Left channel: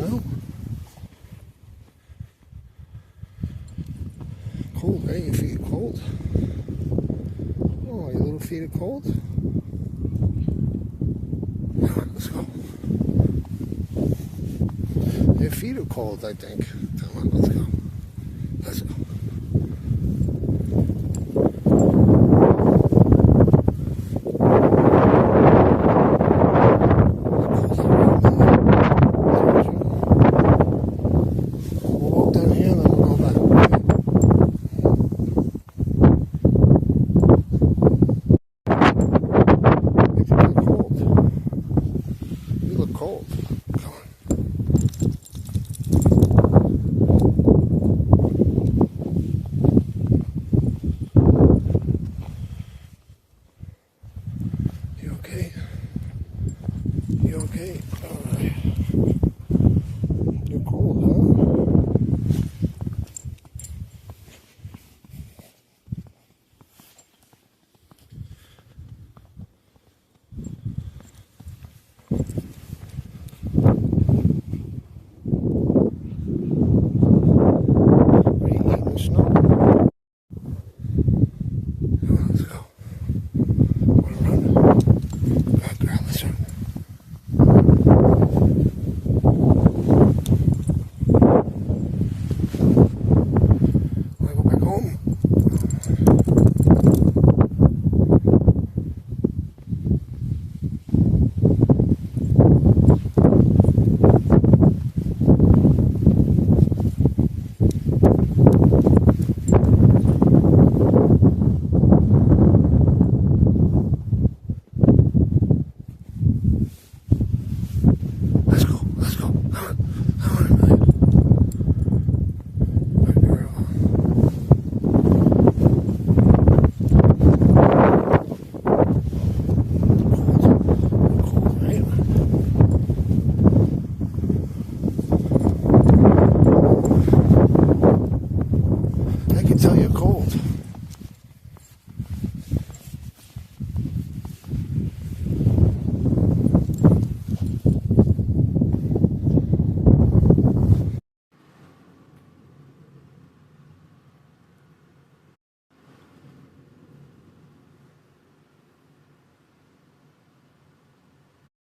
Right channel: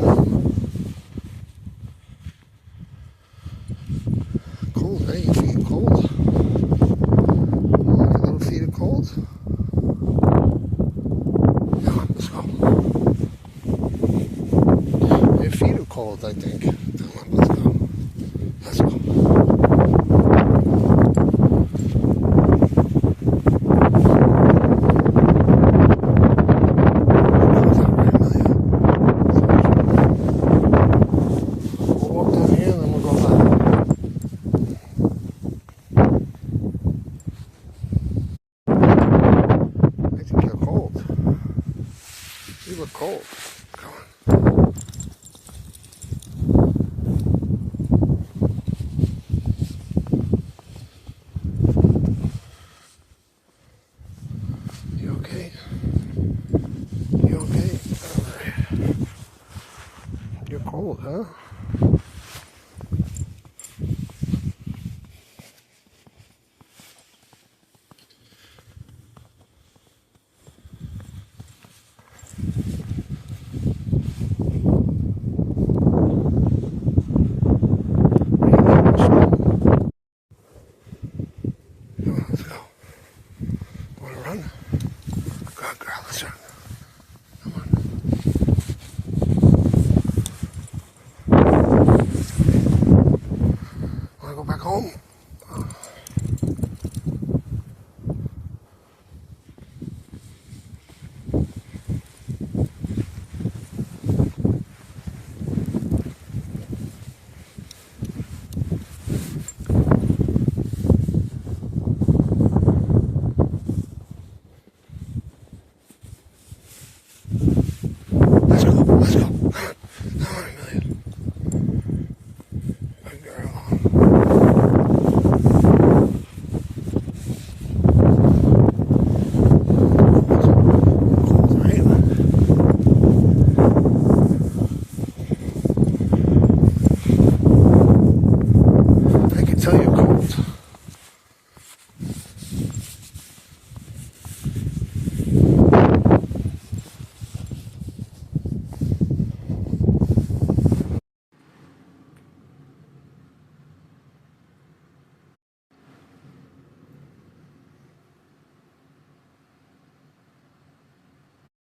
snow. Cold, eh? Your feet are cold. Oh, your little feet are cold. Come on, let's go. Your feet are cold, I think. Come on, let's go. Let's go. We'll walk down here and then we'll go back. I think you're cold. You look cold.